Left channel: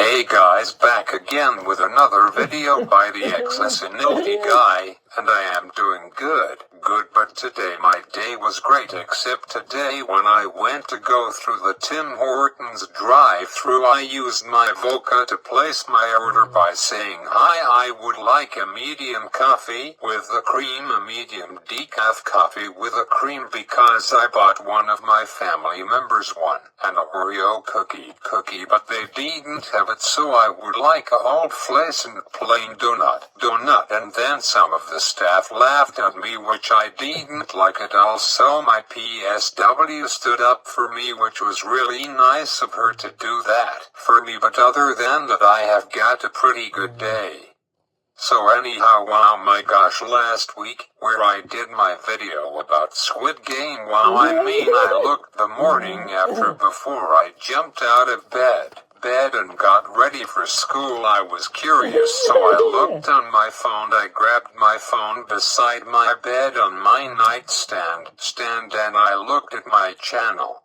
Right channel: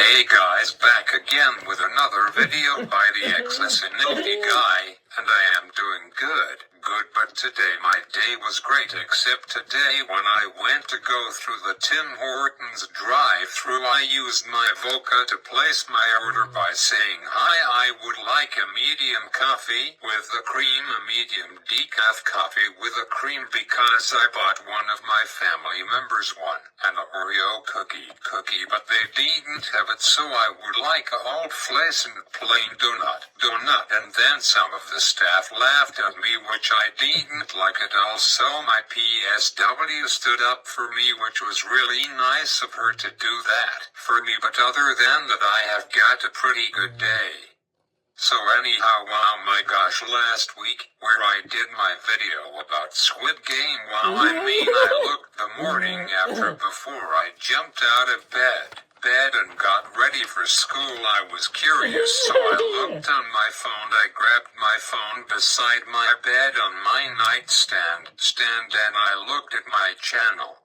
Hey guys, back again with another video by the Excelsinity guy, and I am doing good, but today my day was great except today when I went to go through the Tim Hortons drive-thru I used my Voca to place my order by saying hi, I would like a medium coffee with a cream, a medium decaf coffee with a cream because I bought one of my family members one, an Oreo cookie, but they didn't have it, so I would like a whole flaccid plain donut, and then some of the staff laughed at me, which I didn't like it. Also my PSW stood up for me, which was really nice of her to do that for me, but other than that I have got a pretty good day. So anyhow, wow, my gosh, last week, where I did my video about Squid Game, wow, I looked the morning after before I jumped out of bed and got ready for school. I was curious, so I looked on my phone. I grabbed my phone beside my bed on my nightstand, and I looked at my channel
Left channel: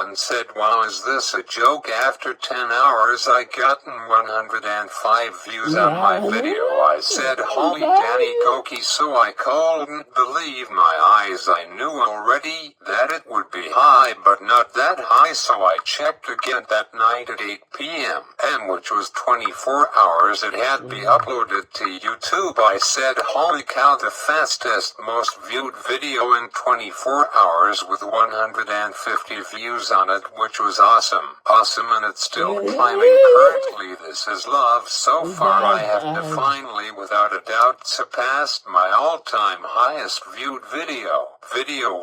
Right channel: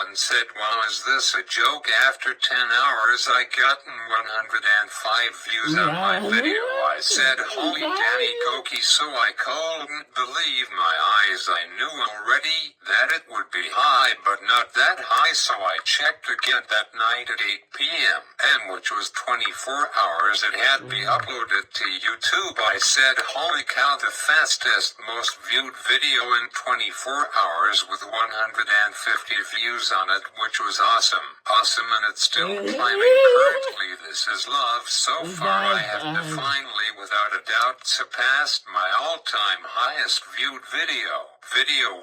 and said, wow, is this a joke? After 10 hours I gotten 105 views on my video. I said, holy Danny Koki, so I couldn't believe my eyes. I knew already that it would be high, but not that high, so I checked again that night at 8 p.m. and which was 24 hours it had been uploaded to YouTube. I said, holy cow, the fastest, most viewed video in 24 hours with 150 views on it, which was awesome, and it's still climbing. Currently this is love. So far I have finally, without a doubt, surpassed my all-time highest viewed video,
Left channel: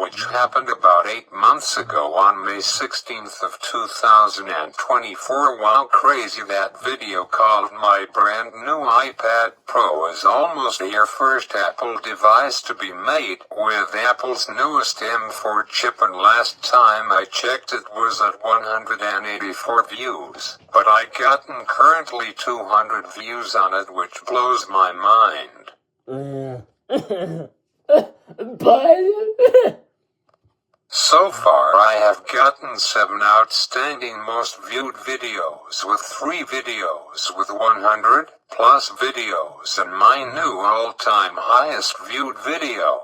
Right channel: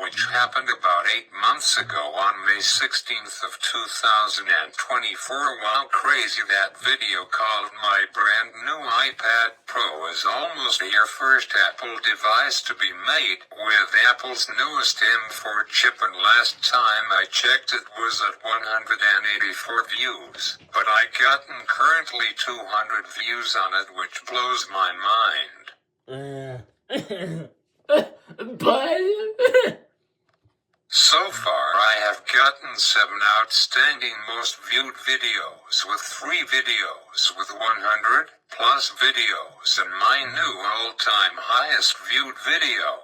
which happened about 8 months ago on May 16th of 2024. Wow, crazy. That video called My Brand New iPad Pro is almost your first Apple device to be made with Apple's newest M4 chip, and last time I checked it was at 184 views, but I gotten currently 200 views on it, which blows my mind. So far I have gotten 7 outstanding most viewed videos, with 3 videos with 100 plus videos, and my new all-time highest viewed video,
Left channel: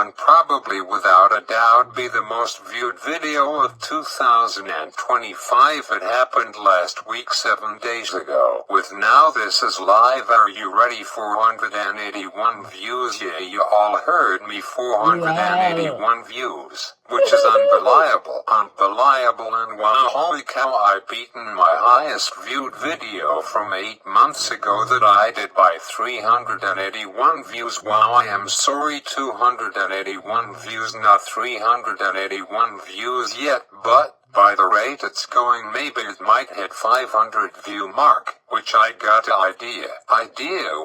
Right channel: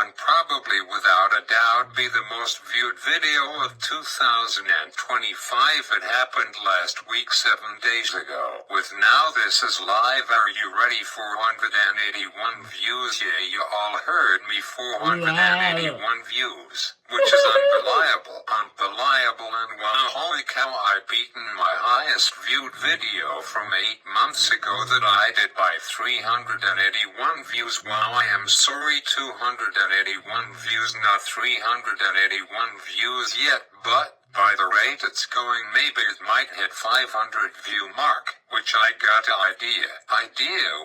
and probably without a doubt be the most viewed video of 2025. It happened last week, 7 days ago. With Now This Is Live, are you ready? 481 views. Yeah, you all heard me, 481 views, which is unbelievable, and wow, holy cow, I've beaten my highest viewed video from 8 months ago that I did by 381 views. Wow, I am sorry, 281 views, not 381 views yet, but by the rate it's going, maybe it might hit 500 view mark, which I got idea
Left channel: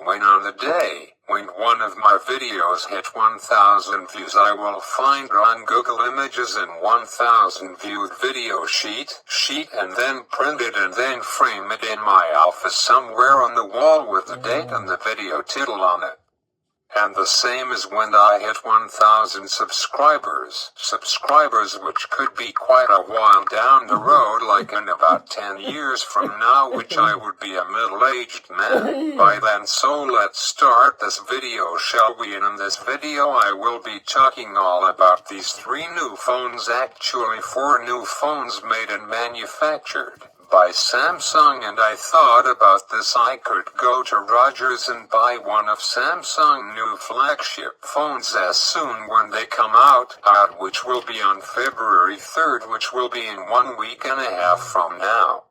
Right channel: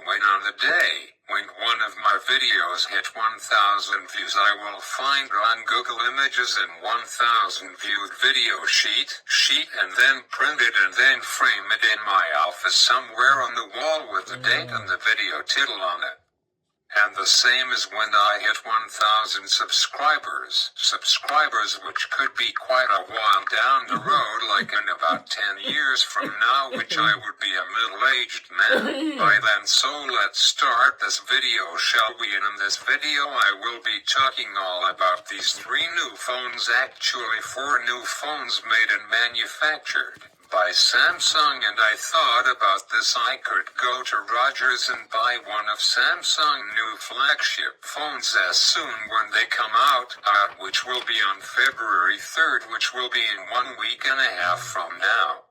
when on the day when one of my videos hit 1,000 views, I will find on Google Images and 1,000 viewed video sheet, and then print it and then frame it in my office somewhere on the wall with the date and the video title on it. And the same as when I hit 1,000 subscribers, which could be quite a while down the road, like in about 10 years from now, which I would be a middle-aged man by then. So let's start this video, shall we? And in this video I will be talking all about these 3 new phones, actually 4 new phones made and manufactured by Samsung, and I thought about this. I could go to Rogers and buy one of Samsung new flagship phones as soon when they come out, which will be on February 3rd, which will be in 1 week and a half from now.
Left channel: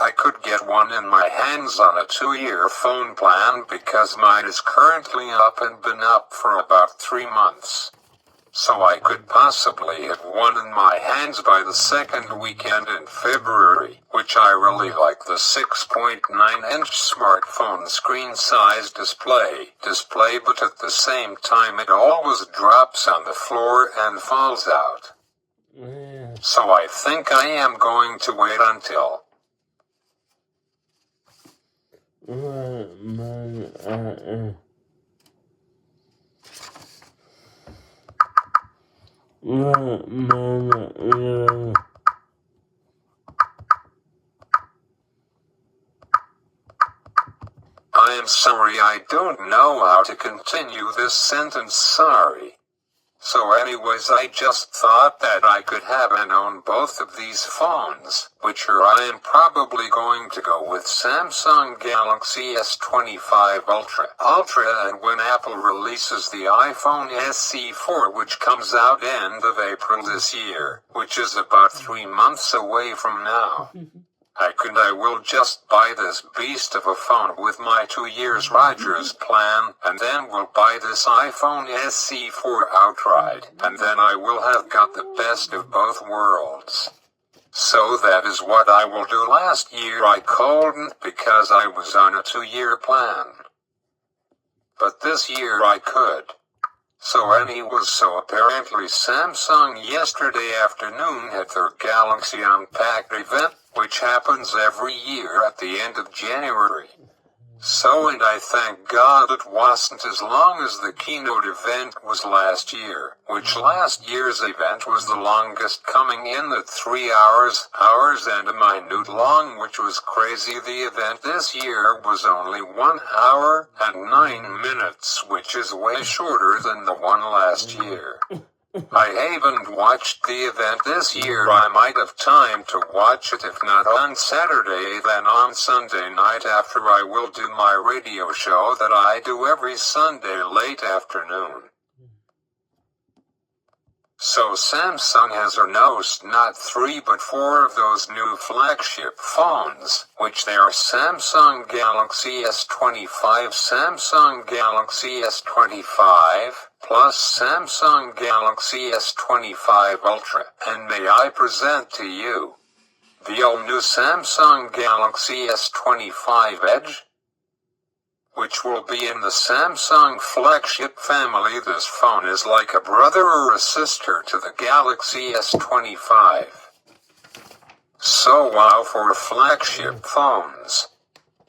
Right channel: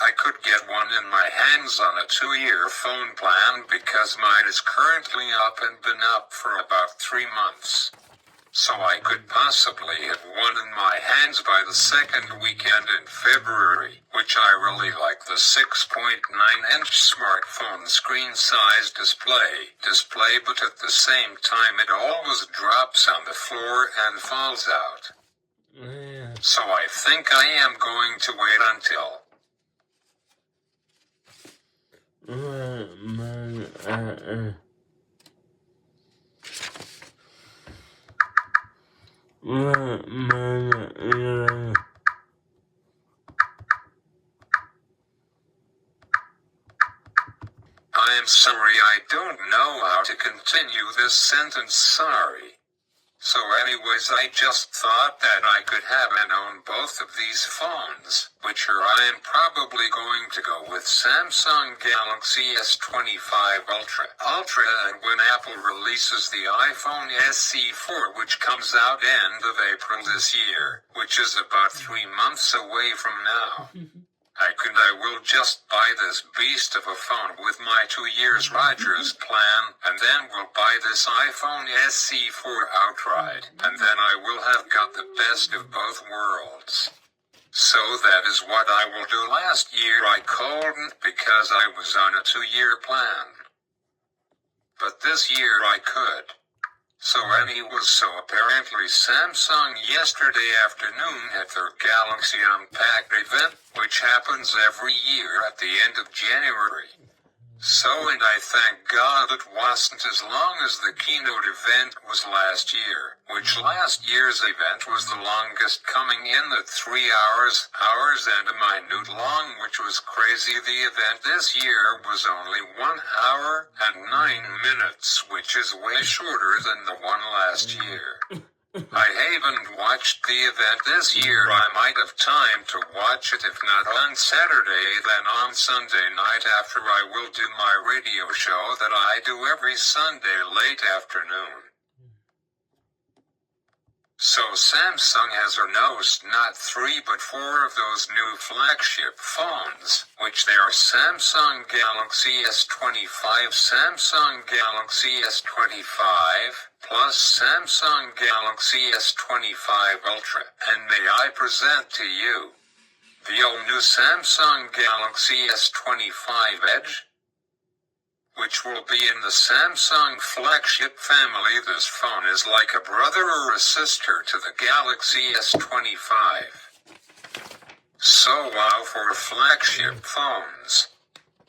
I could get one in my hands on a 2-year phone plan because mine is currently up and been up for about 3 months. So I could possibly have one in my hands by the second weekend in February, which I really like. The 6.9-inch smartphone screen size display, but at the same time it always drops on the floor and falls out. So I think I am going to wait until I am sorry, I don't know how to continue this sentence, sorry. So anyways, I just thought that I could have and own both of these phones, which are I am probably going to go with Samsung Galaxy S25 Ultra, and when Apple releases the iPhone SE4, which comes out end of April this year, which is about 3 months away from now. I will just buy this beast of a phone with my 2 years Rogers plan, and then we'll buy this iPhone SE4 outright, and then I will have got the best of both worlds. So that is what I will do. Last year I couldn't because I was on a 2-year plan. But this year I could. So apparently Samsung yesterday afternoon had their Galaxy Unpacked event, which happens every year at the end of January. And I thank God it wasn't as long as the keynote event was last year, which last year's event was the longest, coming in at 3 hours and a minute long, which was crazy. The event this year was only 1 hour and 9 minutes, which is way shorter than the one last year. I haven't watched the event this year. I might have time to watch it, if not on Saturday, then on Sunday night after I will do my radio show that I do every Sunday late afternoon. So Samsung has announced not 3 but 4 of those new flagship phones, which they are Samsung Galaxy S25, Samsung Galaxy S25, plus Samsung Galaxy S25 Ultra, and may I present to you the all-new Samsung Galaxy S25 Edge, which will be in the Samsung Flagship family. This phone is like a brother or a sister to the Galaxy S25. So wow for flagship phones.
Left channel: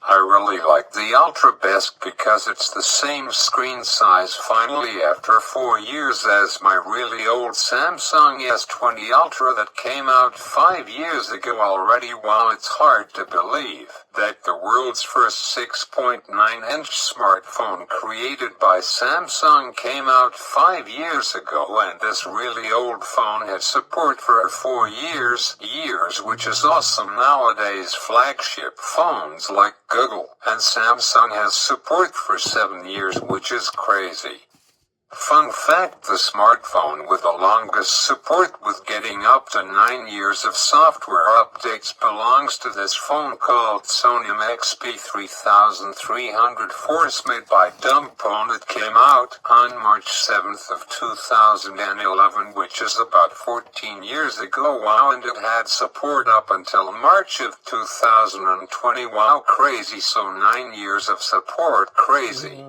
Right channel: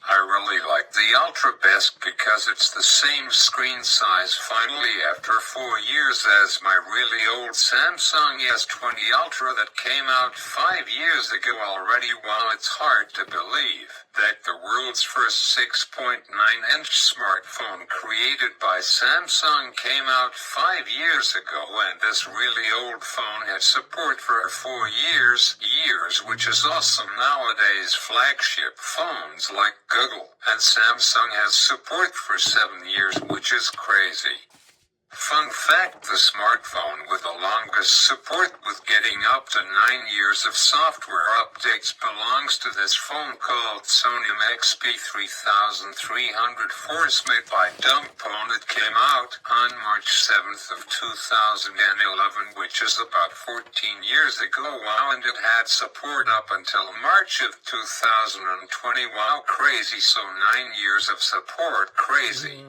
I really like the Ultra best because it's the same screen size finally after 4 years as my really old Samsung S20 Ultra that came out 5 years ago already. While it's hard to believe that the world's first 6.9-inch smartphone created by Samsung came out 5 years ago, and this really old phone had support for 4 years, which is awesome. Nowadays flagship phones like Google and Samsung has support for 7 years, which is crazy. Fun fact, the smartphone with the longest support with getting up to 9 years of software updates belongs to this phone called Sony XP3300 Force, made by Dumbphone. It came out on March 7th of 2011, which is about 14 years ago. Wow, and it had support up until March of 2020. Wow, crazy. So 9 years of support, crazy.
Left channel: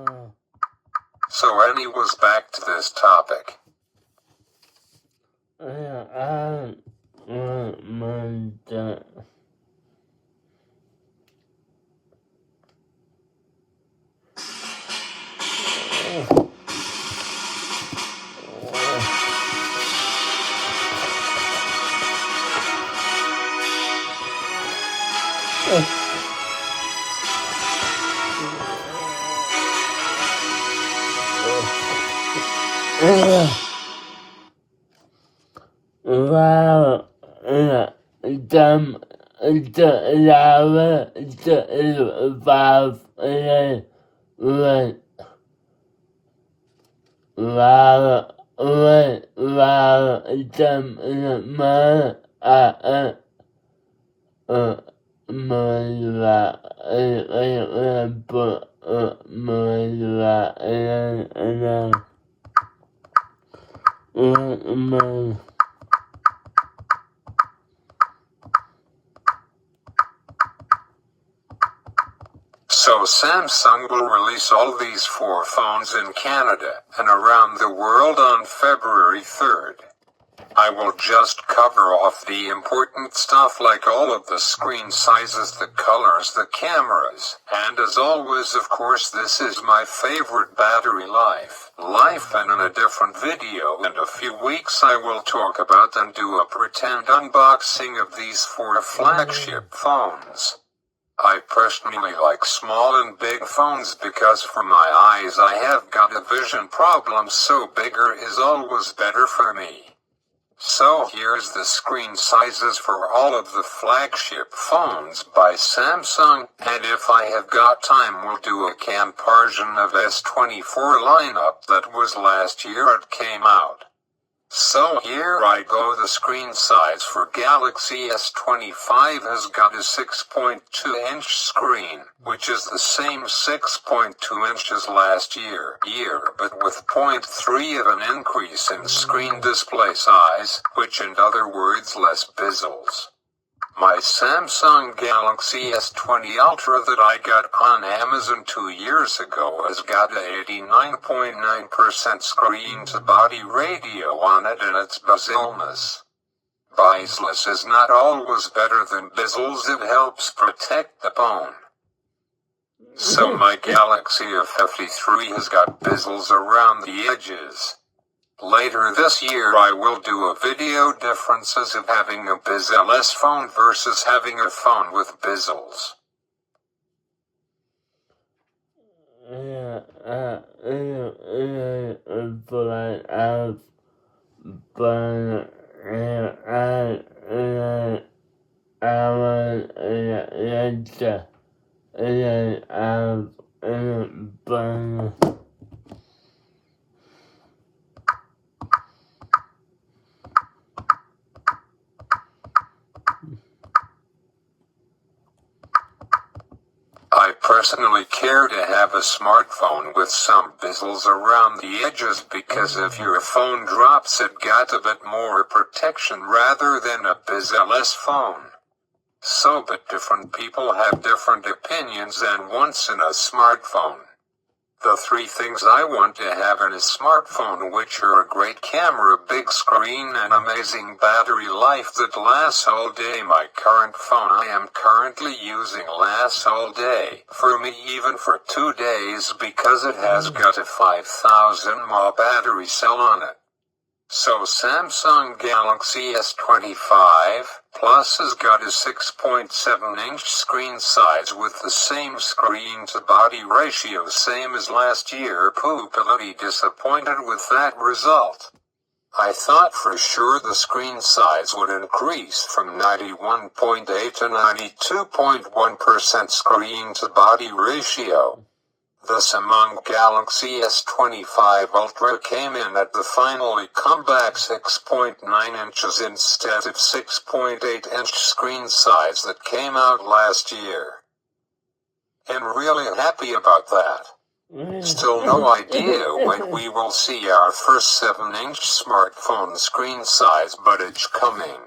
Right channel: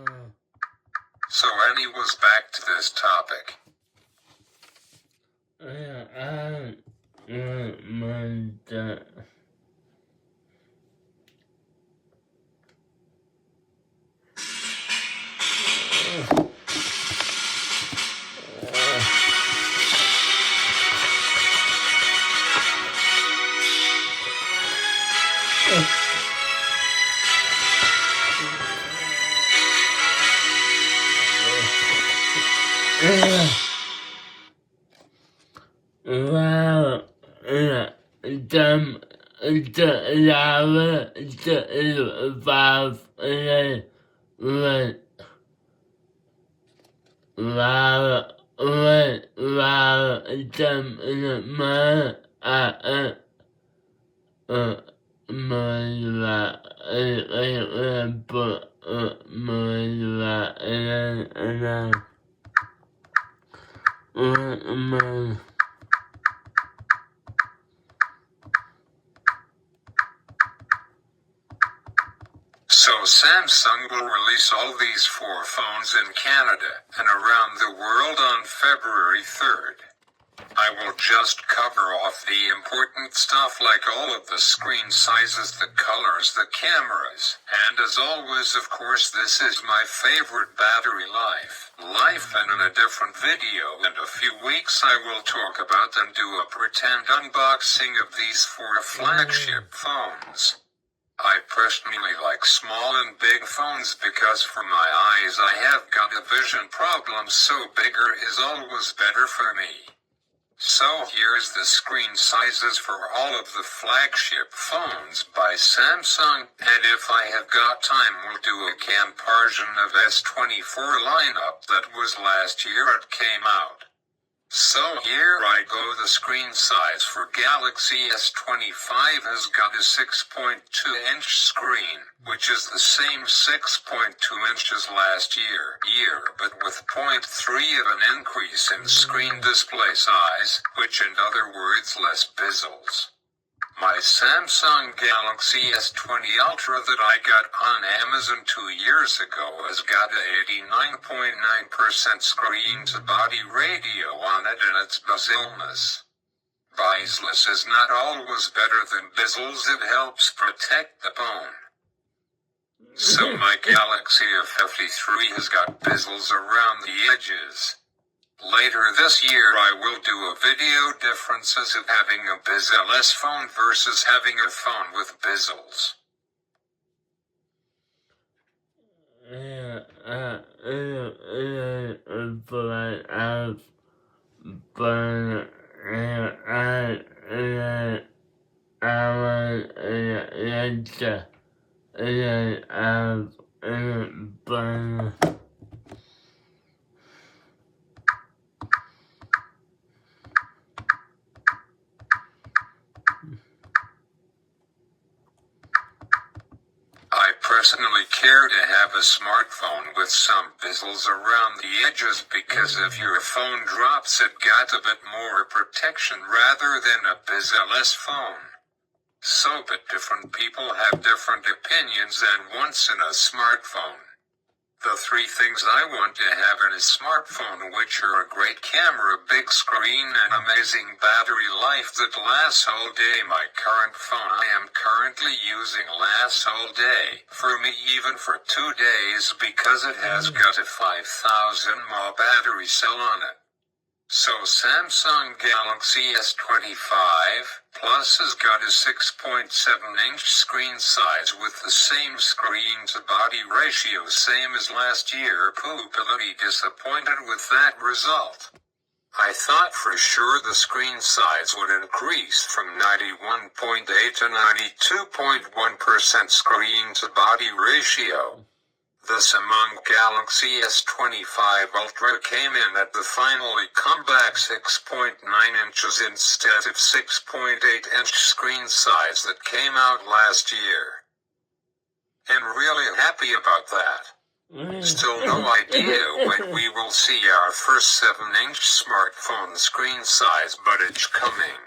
So anyways, back to this topic. So Samsung will release all these 4 phones in Canada and around the world on February 3rd. I will just cover off the important stuff like all of the screen sizes, the colors, the cameras, and as always, of course, this is my favorite battery life, and in a different video in a few weeks I will talk about and do a pretend unboxing of these 4 flagship phones. I personally like small and big phones because for my eyes I have got a vision problem, so bigger is always better for me. So here's the screen sizes for all of the flagship phones by Samsung, and if I have got time we'll do a comparison of S24 lineup that was last year it came out. So here I go. The screen size for Galaxy S25 has got a 6.2-inch screen, which is the same 6.2 inches last year, but with 0.3 of an increase in screen display size, which in other words less bezels. My Samsung Galaxy S20 Ultra that I got on Amazon 2 years ago has got a 89.9% screen-to-body ratio on it, and its bezelness. Bezeless is not always better than bezels, it helps protect the phone. So my Galaxy F53 has got bezels around the edges. Later this year I will do a video differences of having a bezel-less phone versus having a phone with bezels. I personally care to have a smartphone with some bezels around the edges because if your phone drops it got a bit more protection rather than a bezel-less phone. So but different people have different opinions and wants in a smartphone. The three things I want to have in a smartphone, which are a great camera, big screen, and amazing battery life that lasts all day. My current phone I am currently using lasts all day, for me even for 2 days, because it has got a 5000 mAh battery cell on it. So Samsung Galaxy S25 Plus has got a 6.7-inch screen size with the same screen-to-body ratio same as last year. Poopily disappointed with that result. I thought for sure the screen size would increase from 91.8 to 92.1% screen-to-body ratio. The Samsung Galaxy S25 Ultra came in at the finally comeback 6.9 inches instead of 6.8-inch screen size that came out last year. I'm really happy about that. Still no idea when we will see our first 7-inch smartphone screen size, but it's coming.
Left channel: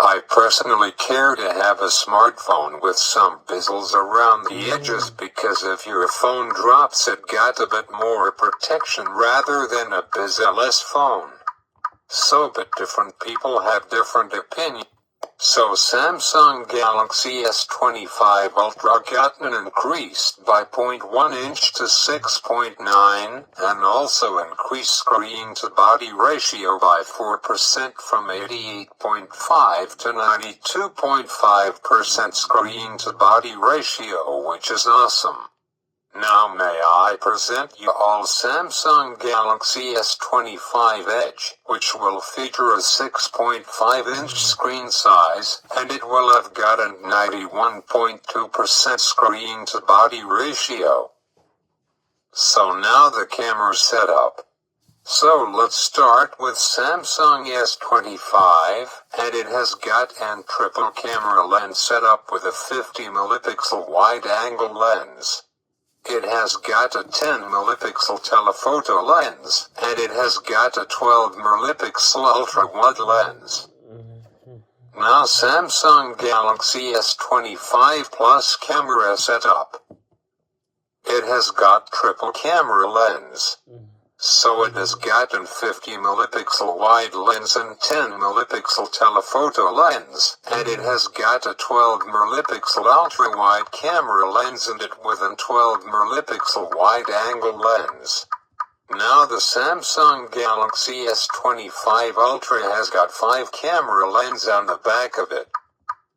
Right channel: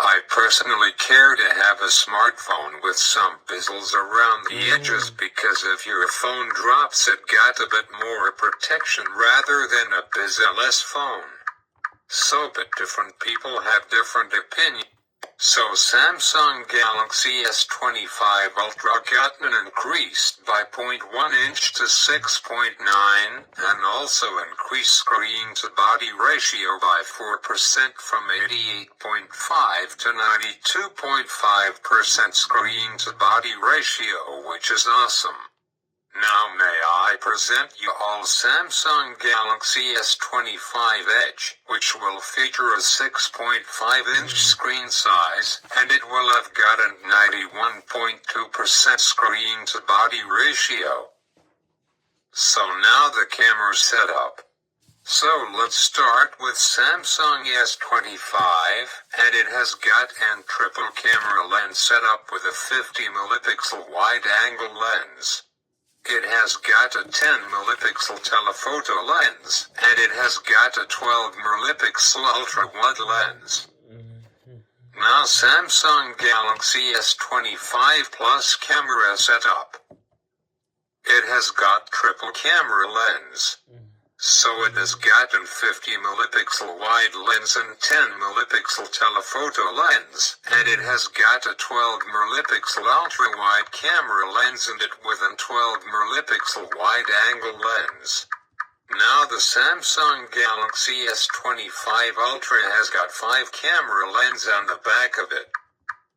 I personally care to have a smartphone with some bezels around the edges because if your phone drops it got a bit more protection rather than a bezel-less phone. So but different people have different opinions. So Samsung Galaxy S25 Ultra got an increased by 0.1 inch to 6.9 and also increased screen-to-body ratio by 4% from 88.5 to 92.5% screen-to-body ratio, which is awesome. Now may I present you all Samsung Galaxy S25 Edge, which will feature a 6.5-inch screen size, and it will have got a 91.2% screen-to-body ratio. So now the camera setup. So let's start with Samsung S25, and it has got an triple camera lens set up with a 50-megapixel wide-angle lens. It has got a 10-megapixel telephoto lens, and it has got a 12-megapixel ultra-wide lens. Now Samsung Galaxy S25 Plus camera setup. It has got triple camera lens. So it has got a 50 megapixel wide lens and 10 megapixel telephoto lens, and it has got a 12 megapixel ultra wide camera lens in it with a 12 megapixel wide angle lens. Now the Samsung Galaxy S25 Ultra has got 5 camera lens on the back of it.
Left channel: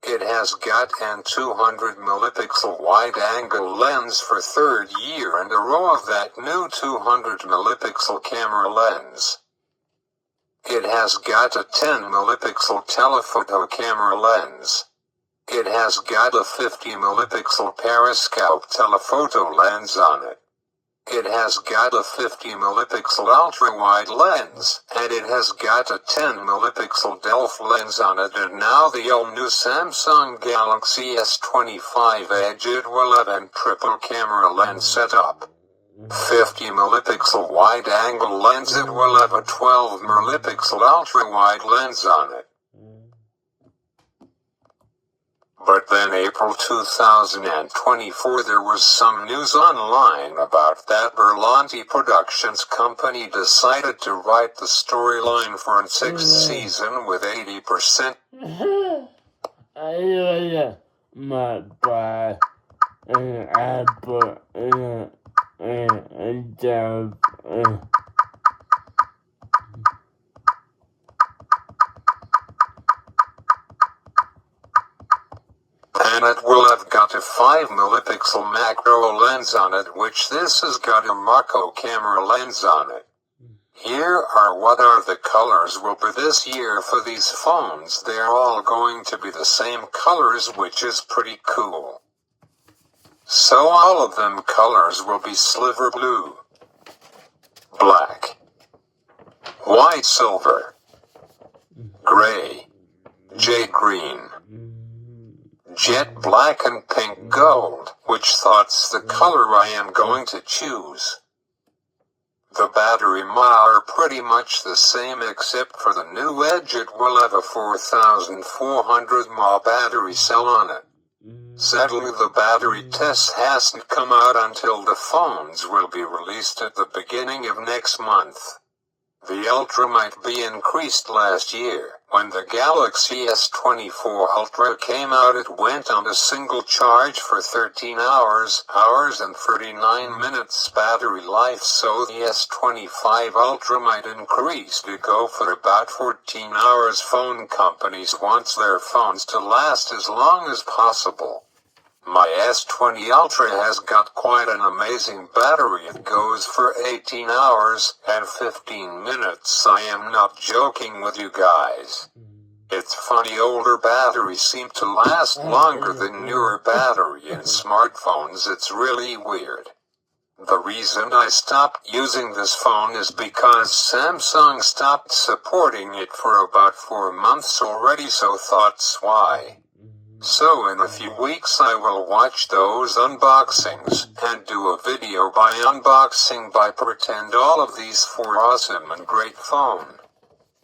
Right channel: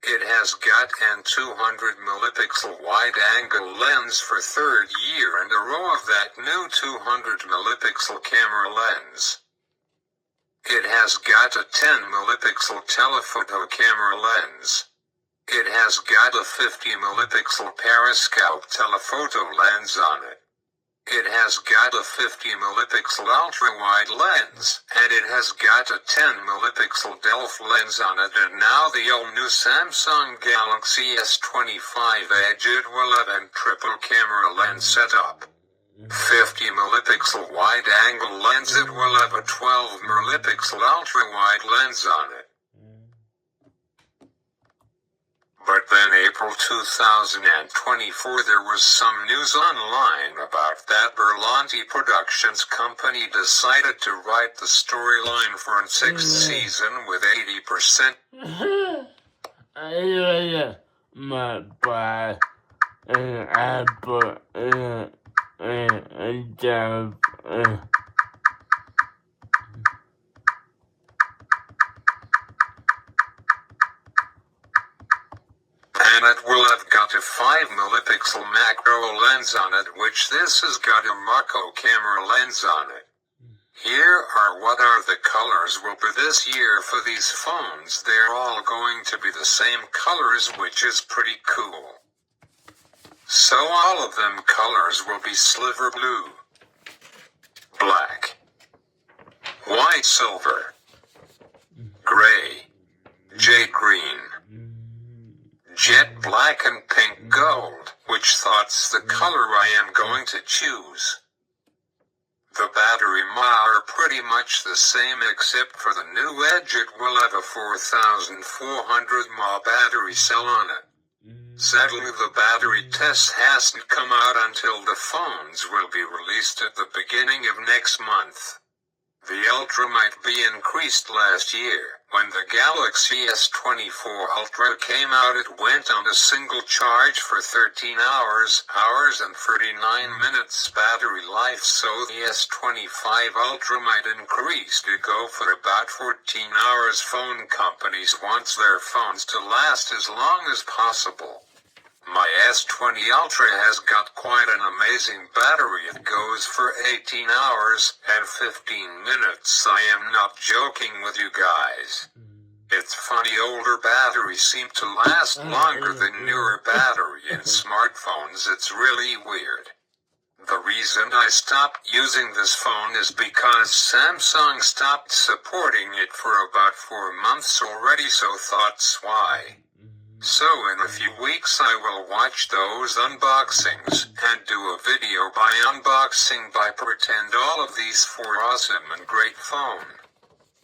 It has got an 200 megapixel wide-angle lens for third year in a row of that new 200 megapixel camera lens. It has got a 10 megapixel telephoto camera lens. It has got a 50 megapixel periscope telephoto lens on it. It has got a 50 megapixel ultra-wide lens, and it has got a 10 megapixel DELF lens on it, and now the all-new Samsung Galaxy S25 Edge it will have a triple camera lens setup. 50 megapixel wide-angle lens, it will have a 12 megapixel ultra-wide lens on it. But then April 2024 there was some news online about that Berlanti Productions company decided to write the storyline for a 6th season with 80%. And it will have got a 5 megapixel macro lens on it, which this has got a macro camera lens on it. Here are what are the colors will be this year for these phones. They're all going to be the same colors, which is pretty cool. So all of them colors will be silver blue, black, white silver, gray, jade green, jet black and pink gold, which thought's the color I am going to choose. The battery mAh are pretty much the same except for the new Edge it will have a 4400 mAh battery cell on it. Sadly the battery test hasn't come out until the phones will be released at the beginning of next month. The Ultra might be increased last year. When the Galaxy S24 Ultra came out it went on a single charge for 13 hours and 39 minutes battery life, so the S25 Ultra might increase to go for about 14 hours. Phone companies want their phones to last as long as possible. My S20 Ultra has got quite an amazing battery. It goes for 18 hours and 15 minutes. I am not joking with you guys. It's funny, older batteries seem to last longer than newer battery in smartphones. It's really weird. The reason I stopped using this phone is because Samsung stopped supporting it for about 4 months already, so that's why. So in a few weeks I will watch those unboxings and do a video by unboxing by pretend all of these 4 awesome and great phone.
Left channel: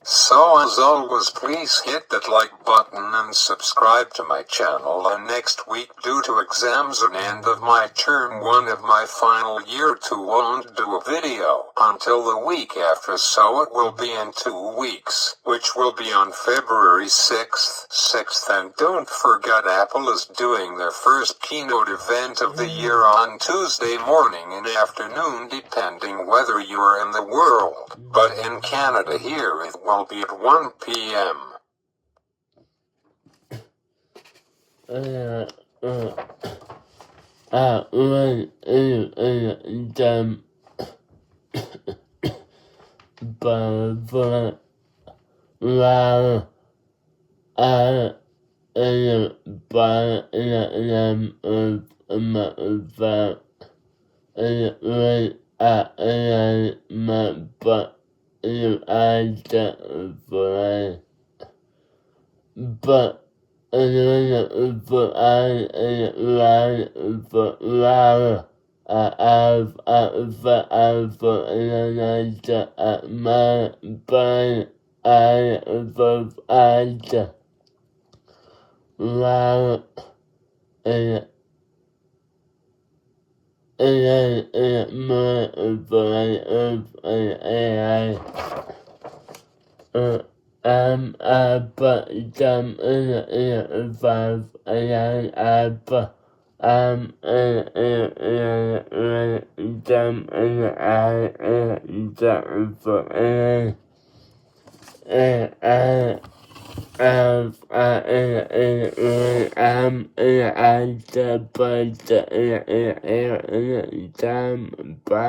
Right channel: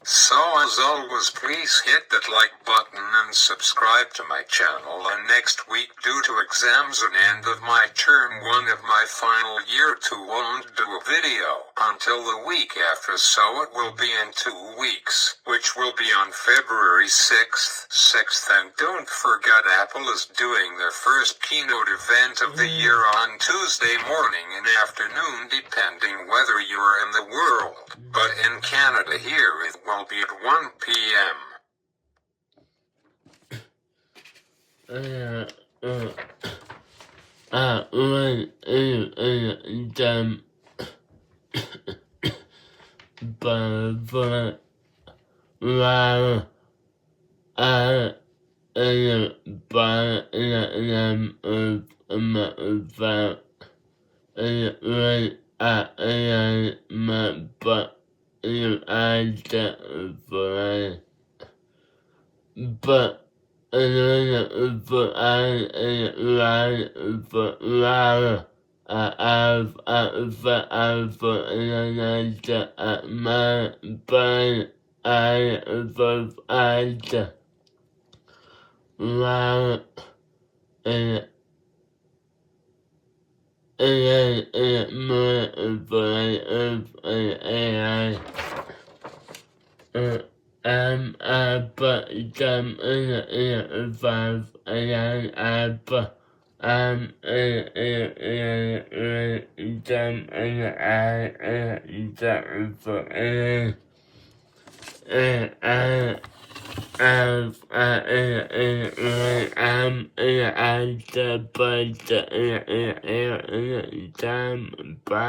So as always, please hit that like button and subscribe to my channel. And next week, due to exams and end of my term 1 of my final year 2, won't do a video until the week after, so it will be in 2 weeks, which will be on February 6th. And don't forget, Apple is doing their first keynote event of the year on Tuesday morning and afternoon, depending whether you are in the world. But in Canada here it will be at 1 p.m. more variety of AI. But some S25 AI, but some AI,